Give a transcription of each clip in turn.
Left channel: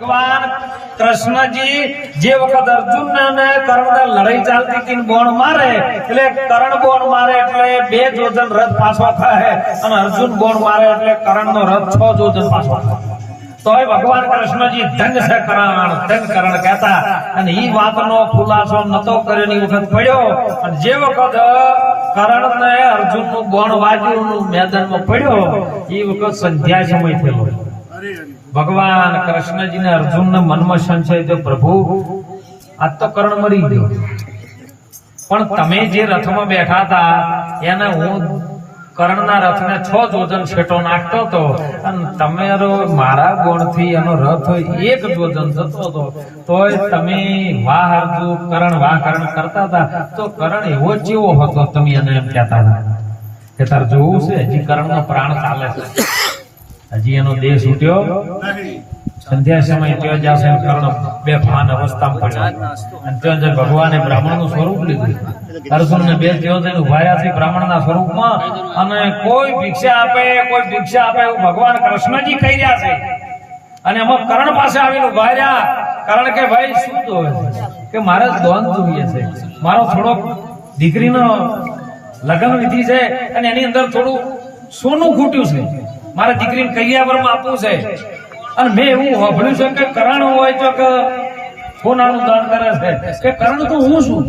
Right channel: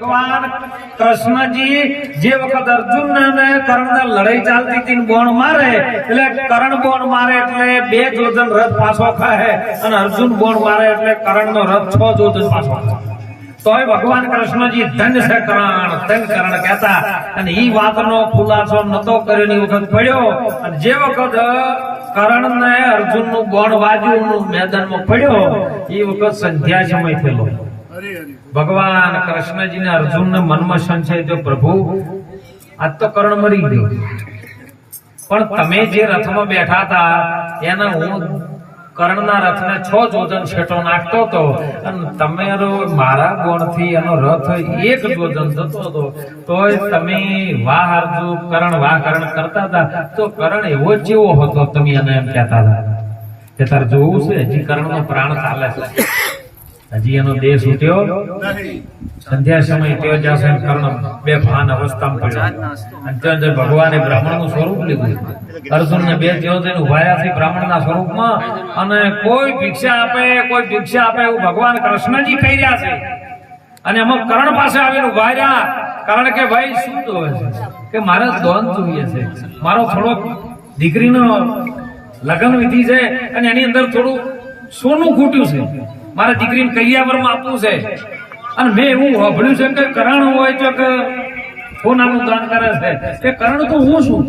ભગવાન કૃષ્ણજી જે વખત અર્જુન ને કર્ણ લડાઈ ચાલતી હતી બોણ મારે એટલે કર્ણ બોણ મારે એટલે 2 યોજન રથ પાછો ખાય અને અર્જુન બોણ મારે એટલે કર્ણ નો રથ 6 યોજન પાછો ખાય. તોય ભગવાન કૃષ્ણજી ધન્ય છે કર્ણ કહેતા અને ઈ વાતનો ખુલાસો નતો કર્યો ની વખત પડ્યો અને જે વખત કર્ણ ને અર્જુન નું બોણ વાજ્યું મેદાનમાં પડ્યો એ વખત સંધ્યા સમય થયેલો. ભગવાન કૃષ્ણજી ને અર્જુન ને મનમાં સંશય તો પ્રભુ આજ તો કર્ણ મરી ગયો પણ તમે જે રથમાં બેઠા હતા એને હું કર્ણના રથને 6 યોજન છેટો નાખતો હતો અને તમે મારા બોણથી એનો રથ 1 યોજન જતો હતો તોય તમે વાહ અર્જુન કર્ણ કરતા હતા તો કર્ણ એવો જેવો હતો તમે એને એમ કહેતા હતા કે તાર જોવું છે હજી કર્ણનો પ્રાણ ચાલે છે હજી એનો દેહ છૂટ્યો સંધ્યા સમય ત્યાં જશે કર્ણ બેભાન અવસ્થામાં પડ્યો અને ત્યાં ભગવાને બ્રાહ્મણનું સ્વરૂપ લીધું. અર્જુન ને 2 યોજન ઉભાયાથી બ્રાહ્મણના સ્વરૂપમાં અને કોઈ ભિક્ષા આપે એવું ભગવાન કૃષ્ણજી કહી રહ્યા છે અને એમાં કર્ણ પાસે આવીને ઉભા રહ્યા. કારણ કે ભાઈ શું જોવે છે કે મારે દોન જોઈએ છે, મારો થોડોક દીકરીનો લગ્ન વિધિ છે અને એની અંદર થોડું સોનું ખૂટ્યું છે, મારે દીકરીને કૈયાવરમાં આપવું છે અને મેં એવું સાંભળ્યું છે કે કર્ણ હોય તો કે સોનાનું દાન કરે છે કે કર્ણ તો હું છું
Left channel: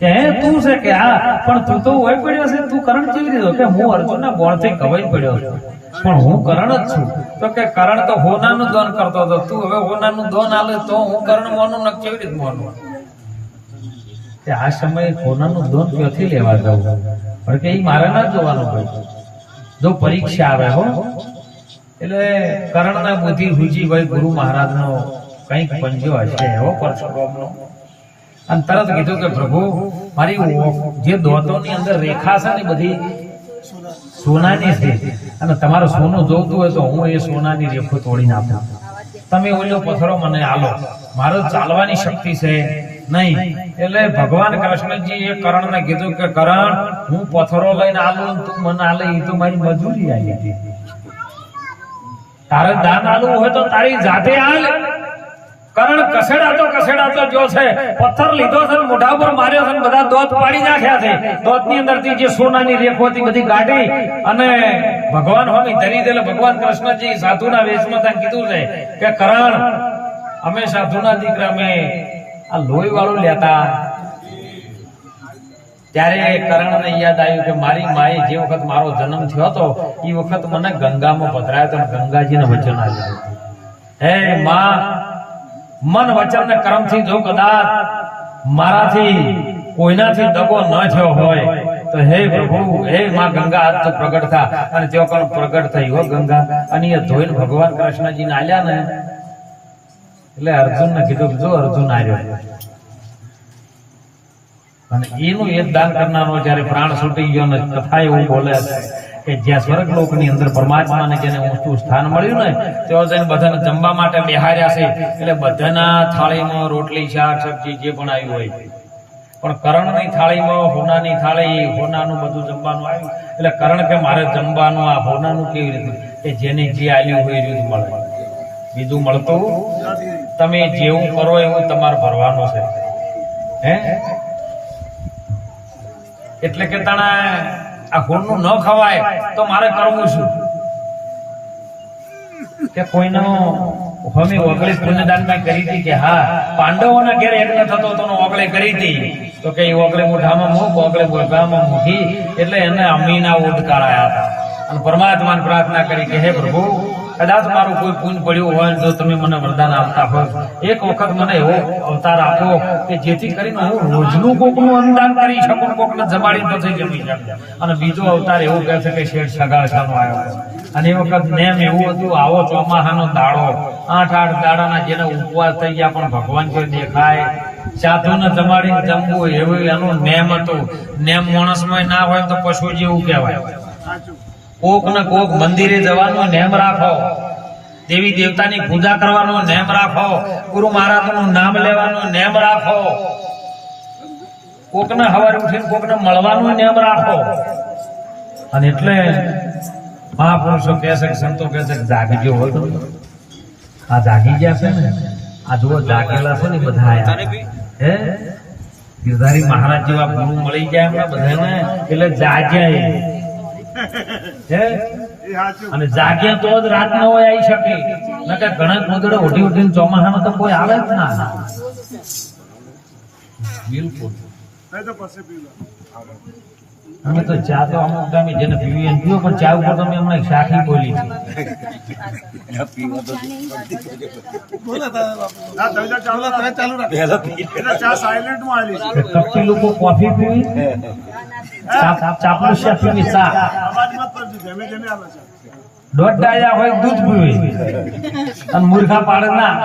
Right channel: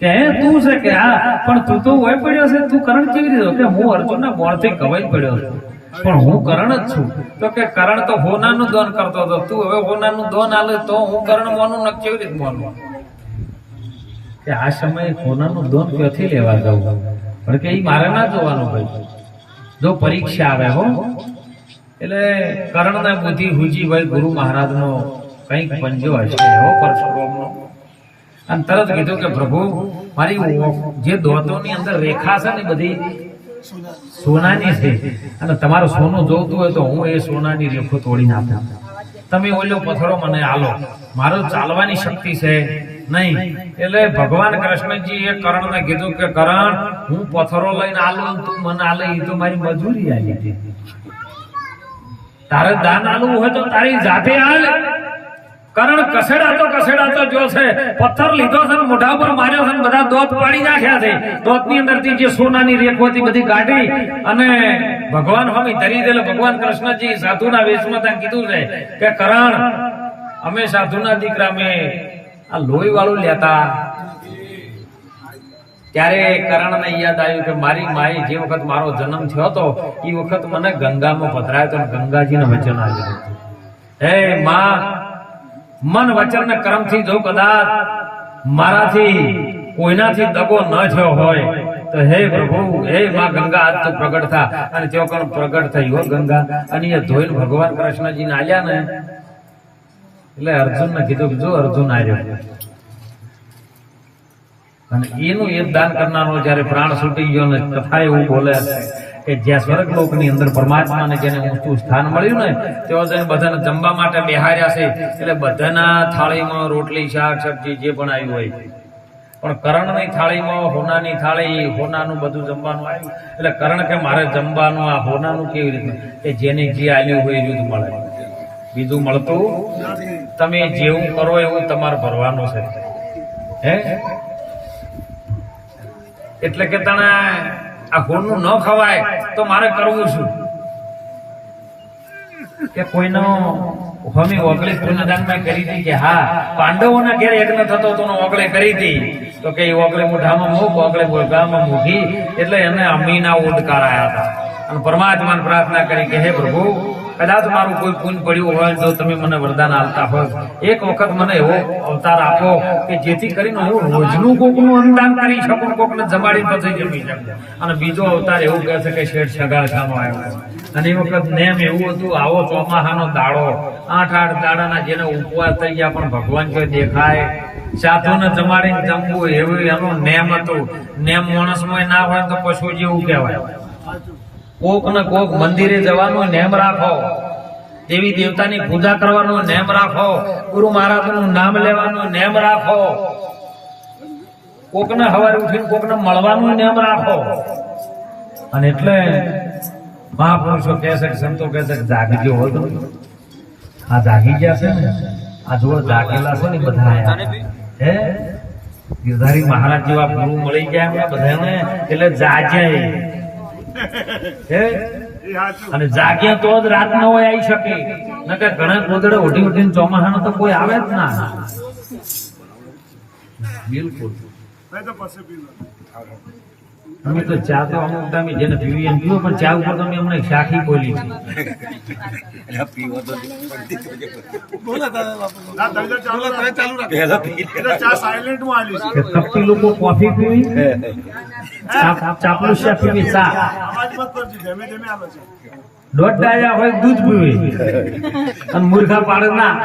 કે તું છે કે હા પણ તું તો હોય પડ્યો છે, તું કર્ણ કેવી રીતે કે હું અર્જુનના બોણથી કવાઈ પડ્યો છું પણ હું કર્ણ જ છું. તો કે કર્ણ તો હોનાનું દાન કરતો હતો, તું હવે હોનાનું દાન આલે તો હું કર્ણ મોનું ન કેવી રીતે મોનું કે આ સમયે હોનાનું દાન ક્યાંથી લેવા જવું પણ કે એ મારે ના જોવાનું ભાઈ. જો પરીક્ષા આવે હો એટલે કર્ણના બુદ્ધિ હુજી ભાઈ ગુરુ મહારાજનો કંઈક પંજો હશે એવો પરશુરામનો અને તરત કીધું કે પ્રભુ મારી જે દોતોની અંદર રેખા છે ને બધી સોનાની છે અને તમારું સોનું જોતું હોય તો હું એ સોનાની રેખો તોડીને આપું, તમે ઓલો પથ્થરો મને આલો, મારો ચાલવાની શક્તિ છે નહીં. એટલે ભગવાન કૃષ્ણજી એ કર્ણને કીધું કે કર્ણ હું પથ્થરો લઈને આલું તું મને આલે એ તો મારી મજૂરી આવી હતી, તારે દાન આલવું હોય તો તારી જાતે આલ. કર્ણ કસેડાતો જો છે પથ્થર લીધો છે મોઢા ઉપર માર્યો છે બધા દોત પાડી નાખ્યા છે, દોતની અંદરથી જે સોનાની રેખો હતી બધી કાઢી અને ભગવાન હોમી ધરી દેલો. ભગવાન કૃષ્ણજી સાધુના વેશમાં ત્યાં કીધું છે કે કર્ણ અમે સાધુના દીકરા અમે આ લોહી વાળું લેતા. ત્યારે કર્ણને યાદ આવ્યું કે મારી માએ જે વખત મારો જન્મ થયો હતો એ વખત મને ગંગામાં પધરાયો તો ગંગાજીને વચન આવ્યું હે માં મન વચન ને કર્મથી જો કદાચ મારાથી કોઈનાથી દગો ન થયો હોય તો હે પ્રભુ હે માં ગંગા આજ તો પ્રગટ થા. અને તેઓ કણ પ્રગટ થઈ હો ગંગા અને એ ધોઈને ભગવાન કૃષ્ણજીને આલ્યા ને એટલે અર્જુનને કીધું કે જો અર્જુન આવ્યો અને એનું એક દાન કરનારો જયારે પ્રાણ છૂટી ગયો ને કથા એવું બોલે કે જ્યાં સ્વર્ગલોકની અંદર પરમાત્માને જેને ઊંચું સ્થાન મળ્યું ને તેઓ જઈને બધાને જમવા માટે બેહાર્યા છે. એટલે બધાના થાળીમાં રોટલી શાક સબ્જી જે પણ આવ્યું હોય પણ કર્ણની થાળીમાં હોનાની થાળી હોનાનું બધું જમવાનું આવ્યું. એટલે કર્ણ કે મારે જમવાનું આ હોનાનું કેવી રીતે કે જેને જે આવ્યું હોય એ મળે, બીજું મળતું તમે જેવું કરો એવું તમારે ભરવાનું છે હે. એટલે કે તને આ હોનું ન ખવાય તો મારે કરવું શું કે કોઈનો હોમી ઓગળી પુણ્યદાનમાં કરી હતી કે હા પાંડવોના ઘેર યજ્ઞ થતો તો ઓગળે કરી હતી તો કે ઓગળે મોઢામાં મૂક ઓગળે મોઢામાં મૂકી એટલે એને અમીના ઉડકાર આવ્યા હતા અને પરમાત્માને પ્રાર્થના કરી કે હે પ્રભુ કદાચ મારું કોઈ પુણ્ય પડ્યું હોય તો તમે મને વરદાન આપતા હોય એક વખત મને એવો અવતાર આપો કે જેથી કરીને હું રોજનું કોકનું અન્નદાન કરી શકું, કોકને જમાડી પછી જમી શકું. અને બીજો અવતાર એવું કહે છે કે શેઠ સગાળાનો આવ્યો અને એ વખત નેમ એવું હતું આવો ચોમાસાનો દાડો 8 દાડાના જેને ઉપવાસ થઈ ગયા પણ ભગવાન જો દેખાય સાધુને જમાડીને જમવું એવું એનું નેમ હતું. નેમ માણસમાં ના હોય તો પશુ જેવું કહેવાય. કોક ને કોક મંદિરે જવાનું નેમ રાખો, દેવી દેવતાની પૂજા કરવાનું નેમ રાખો, ગુરુ મહારાજનું નામ લેવાનું નેમ રાખો, કોકને સવારે ઉઠીને કોકને મળવાનું નેમ રાખો. અને એટલે મહાપુરુષો કહે છે કે સંતો કહે છે કે જાગજો હોય આ જાગી ગયા છે ને, આ જુઓ જાગેલા છે ને બધા આયા હે ગિરધારી મહારાજ જેવા ગુરુ મળી જાય એમના બધાને એટલે જાગ્યા હે અને જાગ્યા તો જ રાત ન હોય આવી શકે નકર ઘણા ગોદડે ઓઢી ઓઢીને ચોમાસાનો તો કોઈ આવે જ ના બિલકુલ અમે તો ચા તો અમુક ટાઈમે જેને પીવી એને પીવું પણ ચા ઉપર તો મેં હમણાં શાખી બોલી છે કપટી લોકો કોફી પીવી ચાપલુસિયા પીવી ચા દોઢ ડાયા હોય દૂધ પીવી અને મૂર્ખા પાડે ના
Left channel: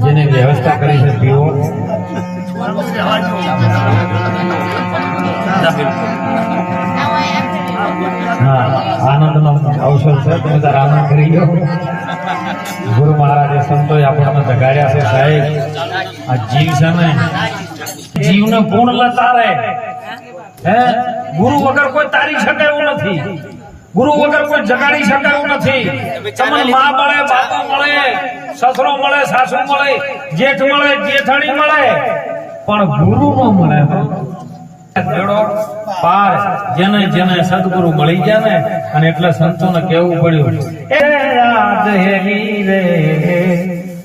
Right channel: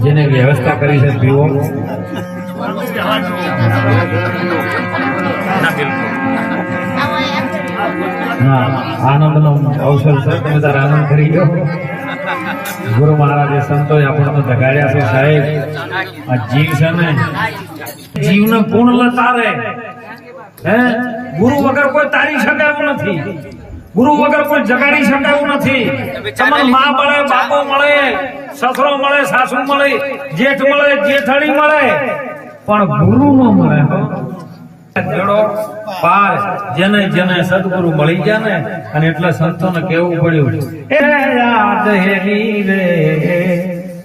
જેને વ્યવસ્થા કરી છે પીવો આનંદનો અવસર છે તમે તાર આનંદ કરી ગયો ગુરુ મહારાજે સંતોએ આપણને જગાડ્યા છે સાહેબ આ જીવ છે ને જીવને પૂર્ણ તારે હે ગુરુ વગર કોઈ તારી શકે એવું નથી ગુરુ વગર કોઈ જગાડી શકે એવું નથી તમને માં મળે બાપો મળે સસરો મળે સાસુ મળે જેઠ મળે જેઠાણી મળે પણ ગુરુ નો મળે જોડો પાર જેને જેને સદગુરુ મળી જાય ને અને એટલે સંતોને કેવું પડ્યું એ યાદ હેરી રે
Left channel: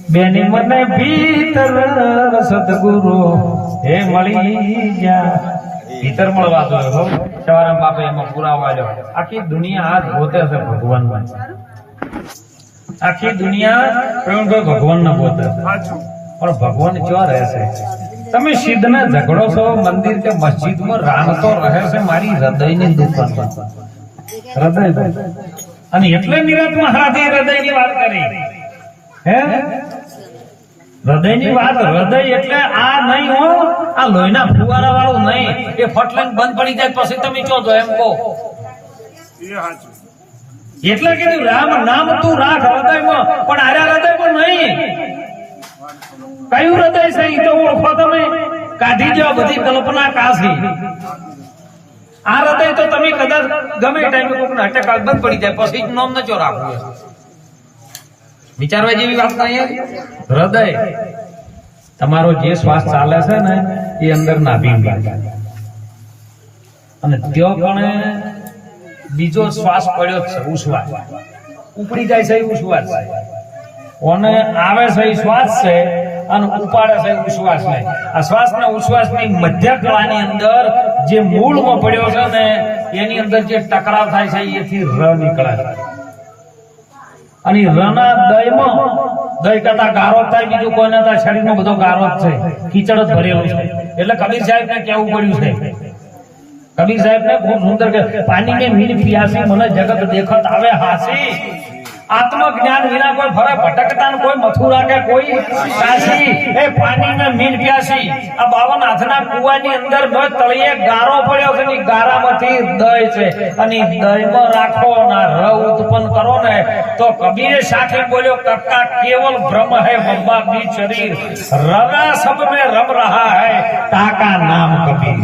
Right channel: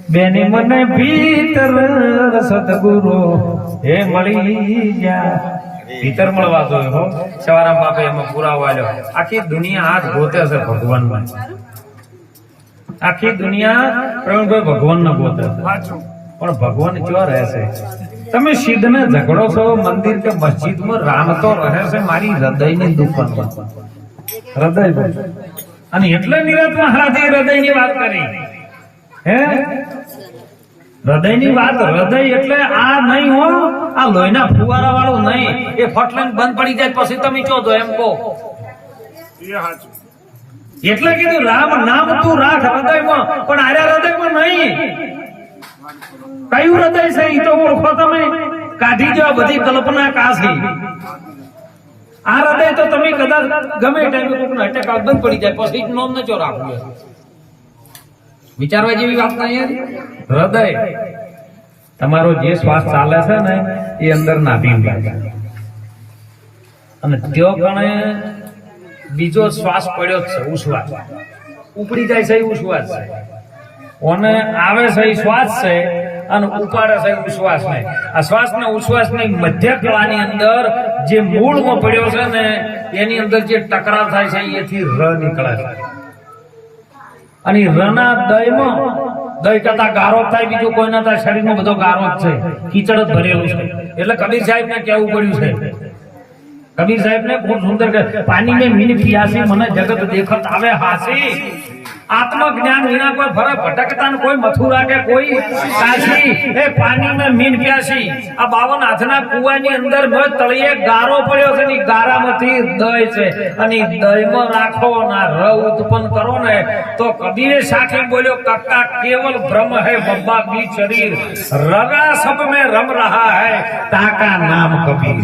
બેની મને ભીતર સદગુરુ એ મળી ગયા ભીતર મળવા જોઈએ હો સવારામ બાપે એમાં પુરાવો આલ્યો આખી દુનિયા હાથ ગોતે છે ભગવાનમાં આખી દુનિયા પ્રવીણભાઈ ભગવાન ને ગોતે પણ ભગવાન ક્યાં રહેશે તમે સિદ્ધને ઝઘડો છો મંદિર કે મસ્જિદમાં રામ તો રહે છે મારી હૃદયની દુકાનમાં હૃદય અને એટલે નિરાત મહારાજે હૃદયની વાત કરી હે હૃદયની વાત હૃદય એટલે આ નહીં હો આ લોહીના ફુવારા વાળું નહીં એ ફટલાઈન બંધ પડી જાય પછી તમે ચો દો એમ કહો એટલે કીધું રામ નામ તું રાખ હૃદયમાં પણ આર્યા હૃદયમાં નહીં કયું હૃદય છે એ તો ઓળખો તમે કાઢી જાઓ બધી કલ્પના કાશી આ હૃદય તો તમે કદાચ ગમે ટાઈમે કોકને અટેક બંધ પડી જાય પછી નામ ન ચો રાખવું વિચારવા જેવી વાત નહીં હૃદય તમારો જે શ્વાસ ચાલે છે ને એ અંદર નાભી અને ત્યો કણે બીજો શ્વાસ પડ્યો જ છે ઉશ્વાસ ઉપડી જાય છે એ ઉશ્વાસ છે ઓને આવે છે એ શ્વાસ છે અને ઉપાડે છે ઉશ્વાસ ને આ શ્વાસ ને ઉશ્વાસ ની મધ્ય કળાની અંદર જે મૂળમાં પડ્યો છે ને એની અંદર જે ટકરાવ થાય છે એથી ર નીકળે છે અને રના દયમાં દય કરતા ગારો થાય બીજું કોઈ ના થાય શરીરમાં બધો ગારો જ છે કીચડ જ ભરેલું છે એટલે કબીર સાહેબ ને કેવું પડ્યું છે કબીર સાહેબ ને ખૂબ સુંદર પાણી ને મીન પિયાસી મને જગત દેખત આવે હાસી આત્મજ્ઞાન વિના કોઈ ફરક ભટકતા કોઈ મથુરા કે કોઈ કાશી એ પાણી ને મીન પ્યાસી આ 52 હાથના કુવાની અંદર નો તળિયે ગારો પડ્યો છે ને ગારામાંથી દય છે અને દયમાં રાખો ના ર ઉત્પન્ન કરો ને તો કબીરે સાથે બોલ્યો કક્કા કેવલ ભ્રમ है बब्बा बीच शरीर रगा सब में रम रहा है ताका नाम कबीर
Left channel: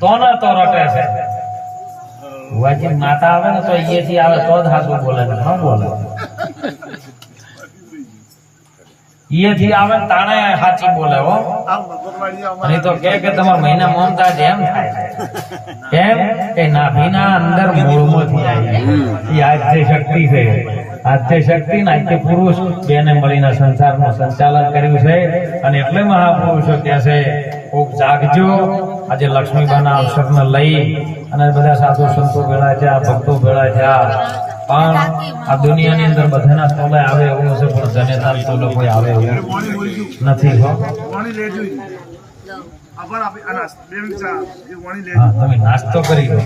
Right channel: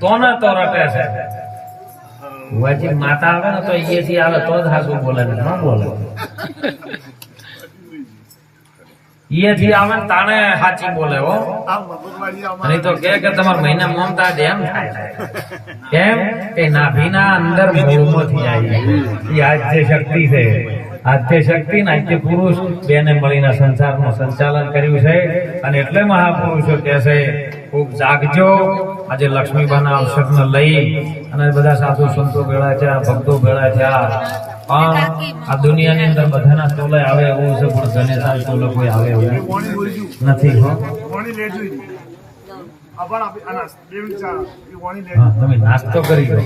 तो न तो रटे से વાજી માતા આવે ને તો અહીંયાથી આવે તો જ હાસુ બોલે ને ન બોલે અહીંયાથી આવે ને તાણે સાચી બોલે હો અને તો કે તમારા મહિના મમતા એમ થાય કેમ કે નાભીના અંદર મૂળમાંથી આવી એ આદ્ય શક્તિ છે આદ્ય શક્તિ ને આદ્ય પુરુષ બેને મળીને સંસારનું સંચાલન કર્યું છે અને એટલે મહાપુરુષો કહે છે ખૂબ જાગજો આજે લક્ષ્મીબાના અવસરને લઈ અને બધા સાધુ સંતો ભેળા છે ભક્તો ભેળા છે પણ આ દુનિયાની અંદર બધાના તોલે આવે એવું છે પણ જનેતાલ તોલે કોઈ આવે એવું નથી હો તમે નાસ્તો કરી દો